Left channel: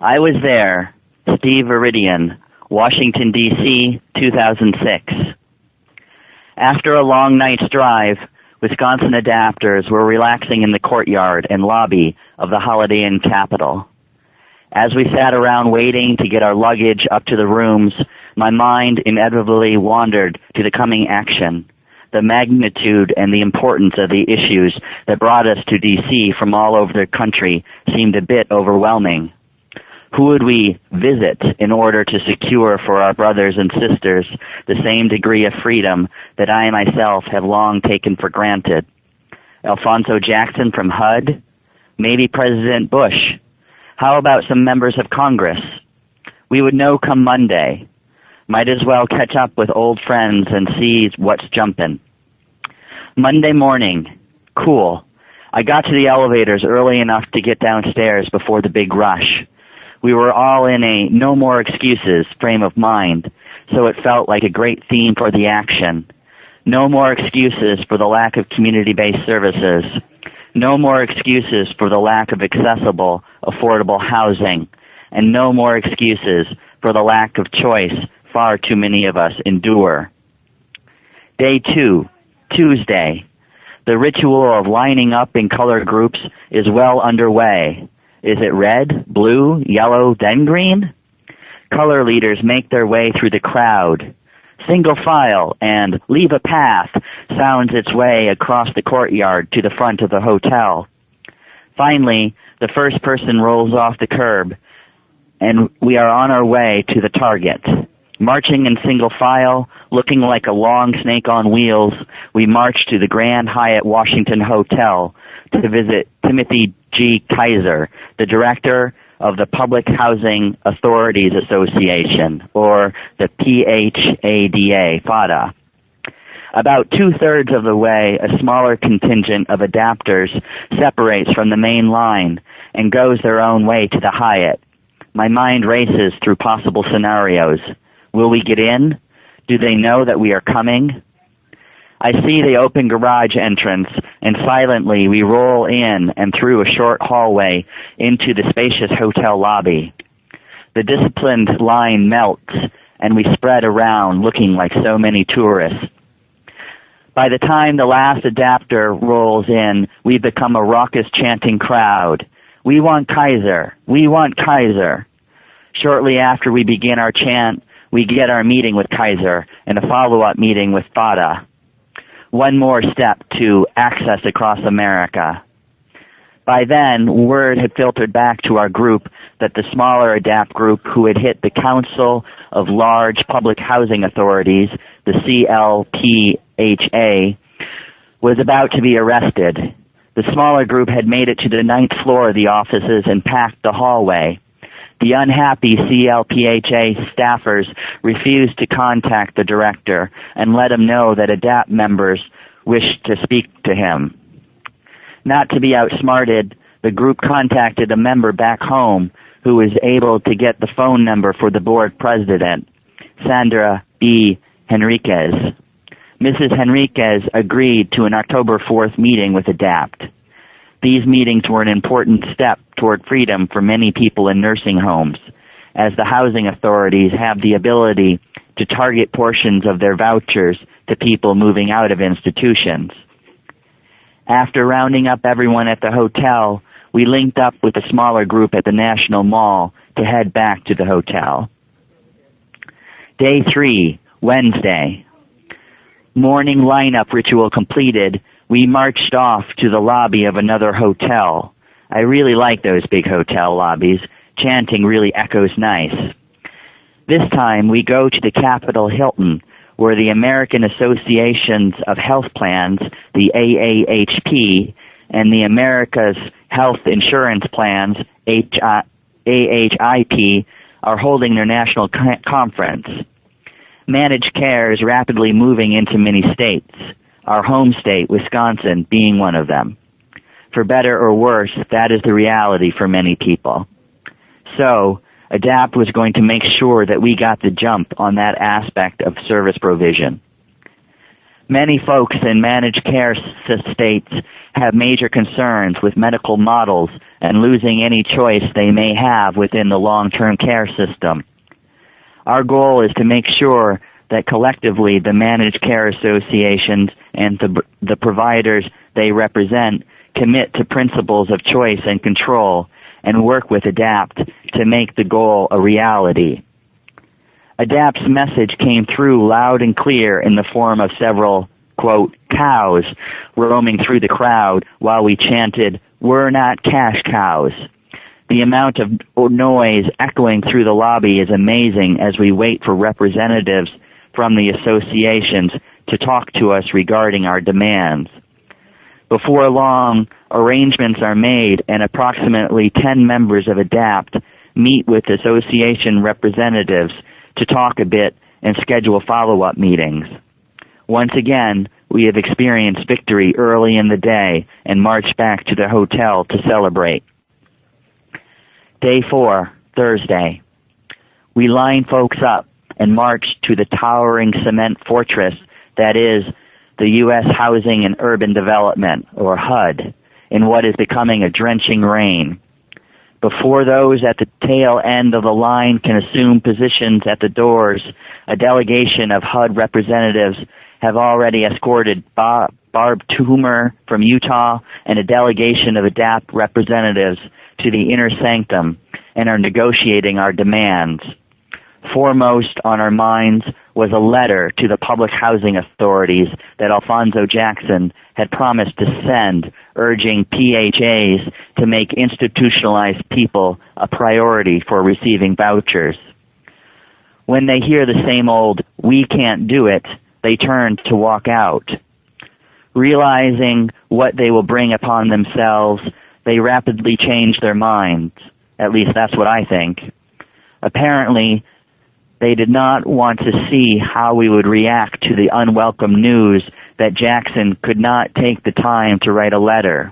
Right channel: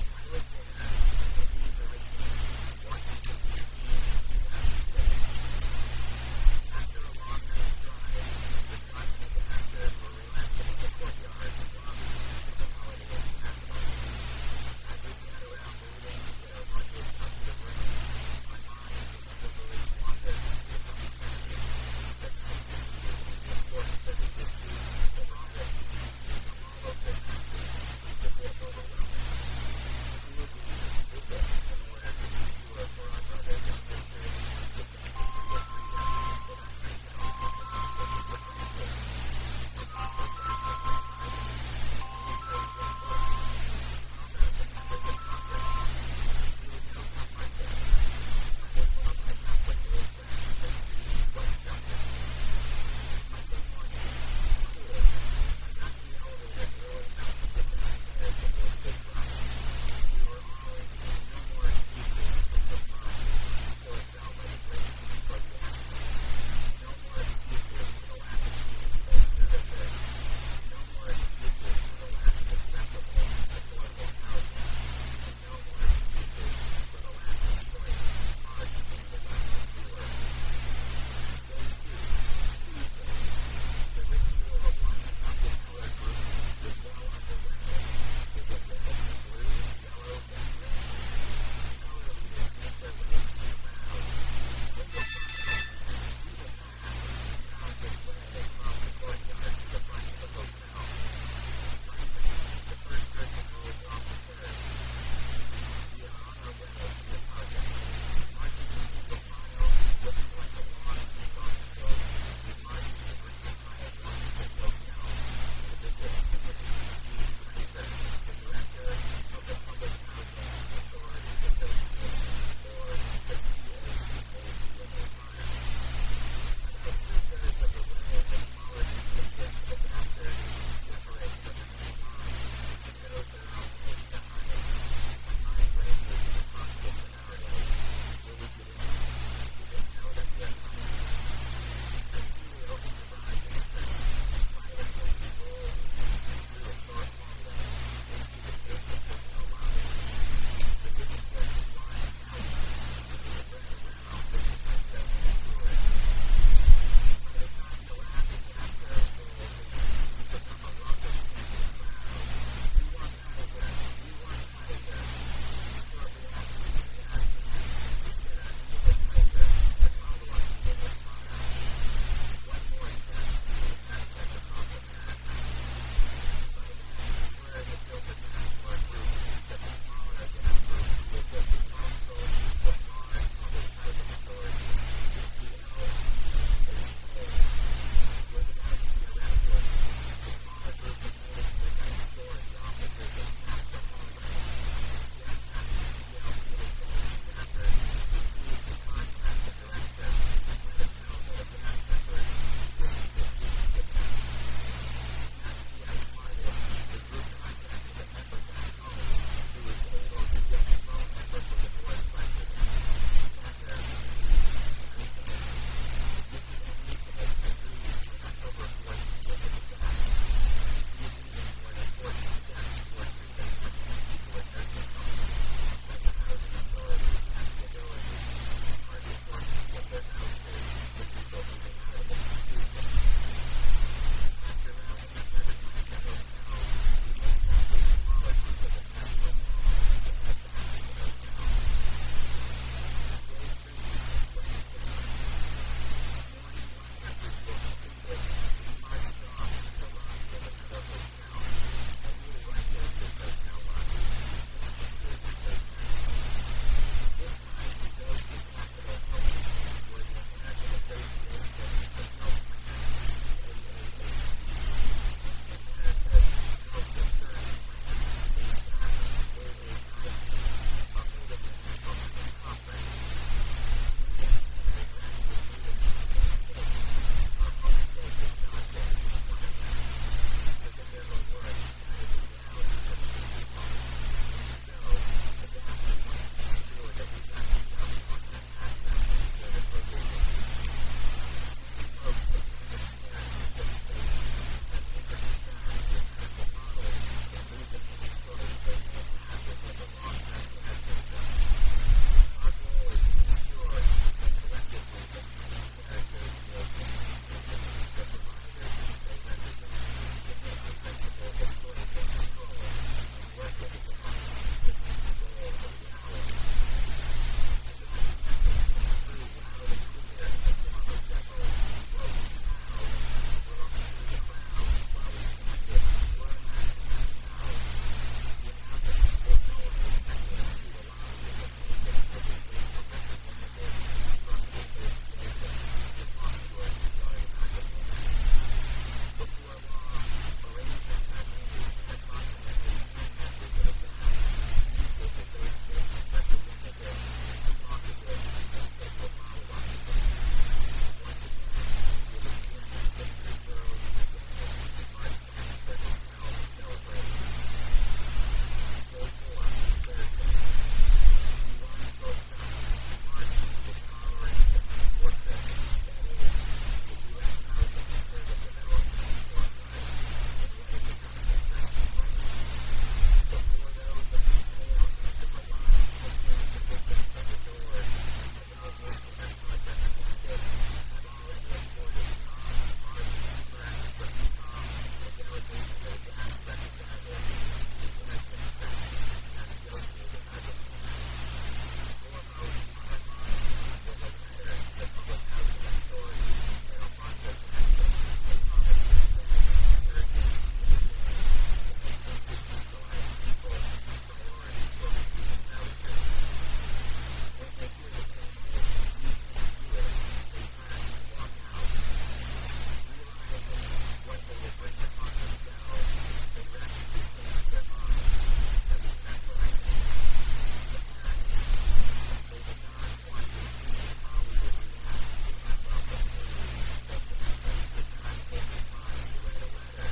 I was there, Steve Verriden, Washington, D.C., 2006. After a long night's drive, Wisconsin adapters were relaxing in the courtyard and lobby of the Holiday Inn Capitol. As we sat around waiting to get our luggage up to the rooms, my mind inevitably wandered to the coming action. The magnitude and the importance of the issues that brought us to D.C. from all over the country seemed a bit overwhelming. Who would we visit in order to secure for our brothers and sisters the same degree of freedom that I myself have long taken for granted? Alphonso Jackson from HUD? Maybe President Bush? How about some members of Congress? We would know come Monday. Might as well catch up with old friends and see what's jumping. Monday morning. Cool. I got to the elevators early enough to get downstairs before the big rush. We were all in a no more excuses frame of mind, so it felt like a great theme for the action. No more excuses for the lack of community-based services. No more excuses for the lack of accessible, affordable housing. And no more excuses for the lack of choice far too many of us endure. Day 2, Tuesday. The ritual of lining up in color groups is well underway. Is it red, blue, yellow, then green? Color leaders make their way through the crowd. Single file and leave a path sounds its way across the courtyard to the front of the hotel. Finally, the first person rolls off the curb, and we are on our way to the target. Marching in single file, looking like a long snake on wheels, we march to the Grand Hyatt Washington Hotel to visit Timothy G. Kaiser, the director of the Public Housing Authorities Association, or the PHADA, FADA. About two-thirds of the way, a smaller contingent of adapters separates from the main line and goes their own way to the Hyatt. My mind races through possible scenarios. Will we get in? Do they know that we are coming? I see the open garage entrance, and silently we roll in and through a short hallway into the spacious hotel lobby. The disciplined line melts, and we spread around looking like so many tourists. By the time the last adapter rolls in, we become a raucous chanting crowd. We want Kaiser! We want Kaiser! Shortly after we begin our chant, we get our meeting with Kaiser and a follow-up meeting with FADA. One more step to access across America. By then, word had filtered back to our group that the smaller ADAPT group who had hit the Council of Large Public Housing Authorities, the CLPHA, was about to be arrested. The smaller group had made it to the 9th floor of the offices and packed the hallway. The unhappy CLPHA staffers refused to contact the director and let him know that ADAPT members wished to speak to him. Not to be outsmarted, the group contacted a member back home who was able to get the phone number for the board president, Sandra E. Henriquez. Mrs. Henriquez agreed to an October 4th meeting with ADAPT. These meetings were an important step toward freedom for many people in nursing homes, as the housing authorities have the ability to target portions of their vouchers to people moving out of institutions. After rounding up everyone at the hotel, we linked up with a smaller group at the National Mall to head back to the hotel. Day 3, Wednesday. Morning lineup ritual completed, we marched off to the lobby of another hotel. I really like those big hotel lobbies. Chanting really echoes nice. This time we go to the Capitol Hilton, where the American Associations of Health Plans, the AAHP, and the America's Health Insurance Plans, AHIP, are holding their national conference. Managed care is rapidly moving into many states, our home state, Wisconsin, being one of them. For better or worse, that is the reality for many people. So, ADAPT was going to make sure that we got the jump on that aspect of service provision. Many folks in managed care states have major concerns with medical models and losing any choice they may have within the long-term care system. Our goal is to make sure that collectively the managed care associations and the providers they represent commit to principles of choice and control and work with ADAPT to make the goal a reality. ADAPT's message came through loud and clear in the form of several, quote, cows roaming through the crowd while we chanted, "We're not cash cows." The amount of noise echoing through the lobby is amazing as we wait for representatives from the associations to talk to us regarding our demands. Before long, arrangements are made and approximately 10 members of ADAPT meet with association representatives to talk a bit and schedule follow-up meetings. Once again, we have experienced victory early in the day and marched back to the hotel to celebrate. Day 4, Thursday. We line folks up and march to the towering cement fortress that is the U.S. Housing and Urban Development, or HUD, in what is becoming a drenching rain. Before those at the tail end of the line can assume positions at the doors, a delegation of HUD representatives have already escorted Barb Toomer from Utah and a delegation of ADAPT representatives to the inner sanctum and are negotiating our demands. Foremost on our minds was a letter to the public housing authorities that Alphonso Jackson had promised to send, urging PHAs to make institutionalized people a priority for receiving vouchers. When they hear the same old, "we can't do it," they turn to walk out. Realizing what they will bring upon themselves, they rapidly change their minds. At least that's what I think. Apparently, they did not want to see how we would react to the unwelcome news that Jackson could not take the time to write a letter.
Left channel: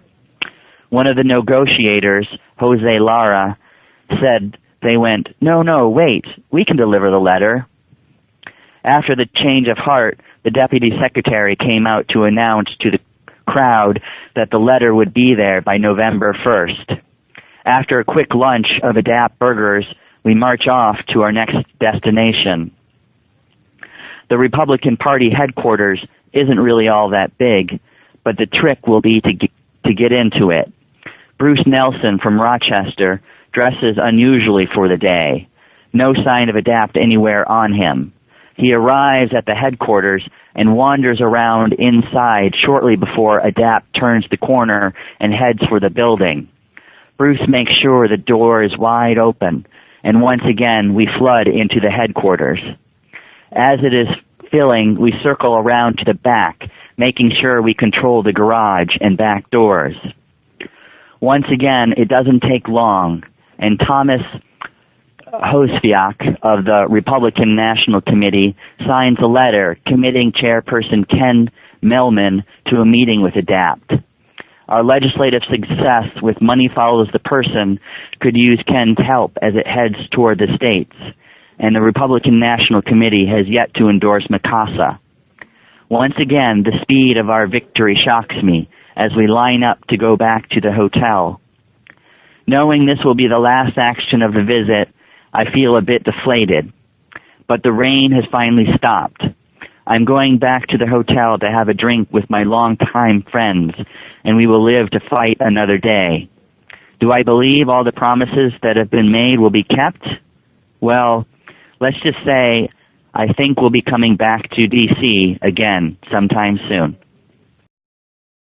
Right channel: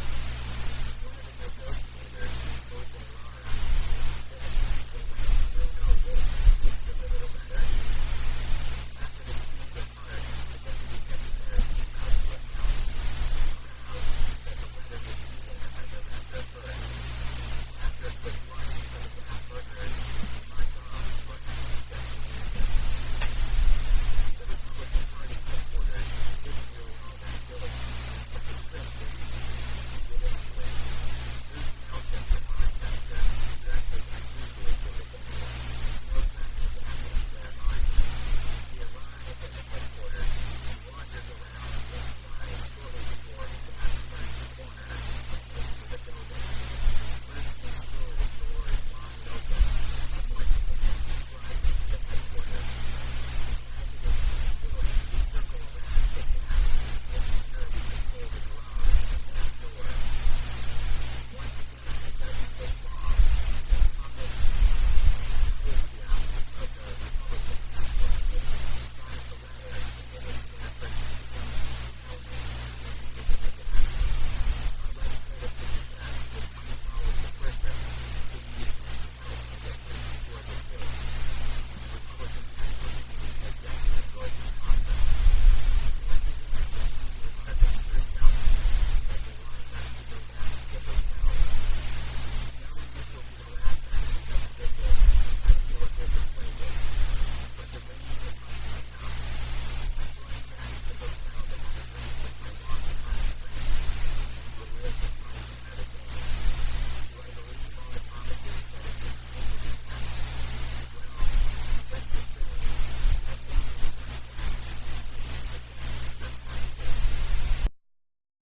One of the negotiators, Jose Lara, said they went, No, wait, we can deliver the letter." After the change of heart, the deputy secretary came out to announce to the crowd that the letter would be there by November 1st. After a quick lunch of ADAPT burgers, we march off to our next destination. The Republican Party headquarters isn't really all that big, but the trick will be to get into it. Bruce Nelson from Rochester dresses unusually for the day. No sign of ADAPT anywhere on him. He arrives at the headquarters and wanders around inside shortly before ADAPT turns the corner and heads for the building. Bruce makes sure the door is wide open, and once again we flood into the headquarters. As it is filling, we circle around to the back, making sure we control the garage and back doors. Once again, it doesn't take long, and Thomas Hosfiak of the Republican National Committee signs a letter committing Chairperson Ken Melman to a meeting with ADAPT. Our legislative success with Money Follows the Person could use Ken's help as it heads toward the states, and the Republican National Committee has yet to endorse MCASA. Once again, the speed of our victory shocks me as we line up to go back to the hotel. Knowing this will be the last action of the visit, I feel a bit deflated, but the rain has finally stopped. I'm going back to the hotel to have a drink with my longtime friends, and we will live to fight another day. Do I believe all the promises that have been made will be kept? Well, let's just say I think we'll be coming back to D.C. again sometime soon.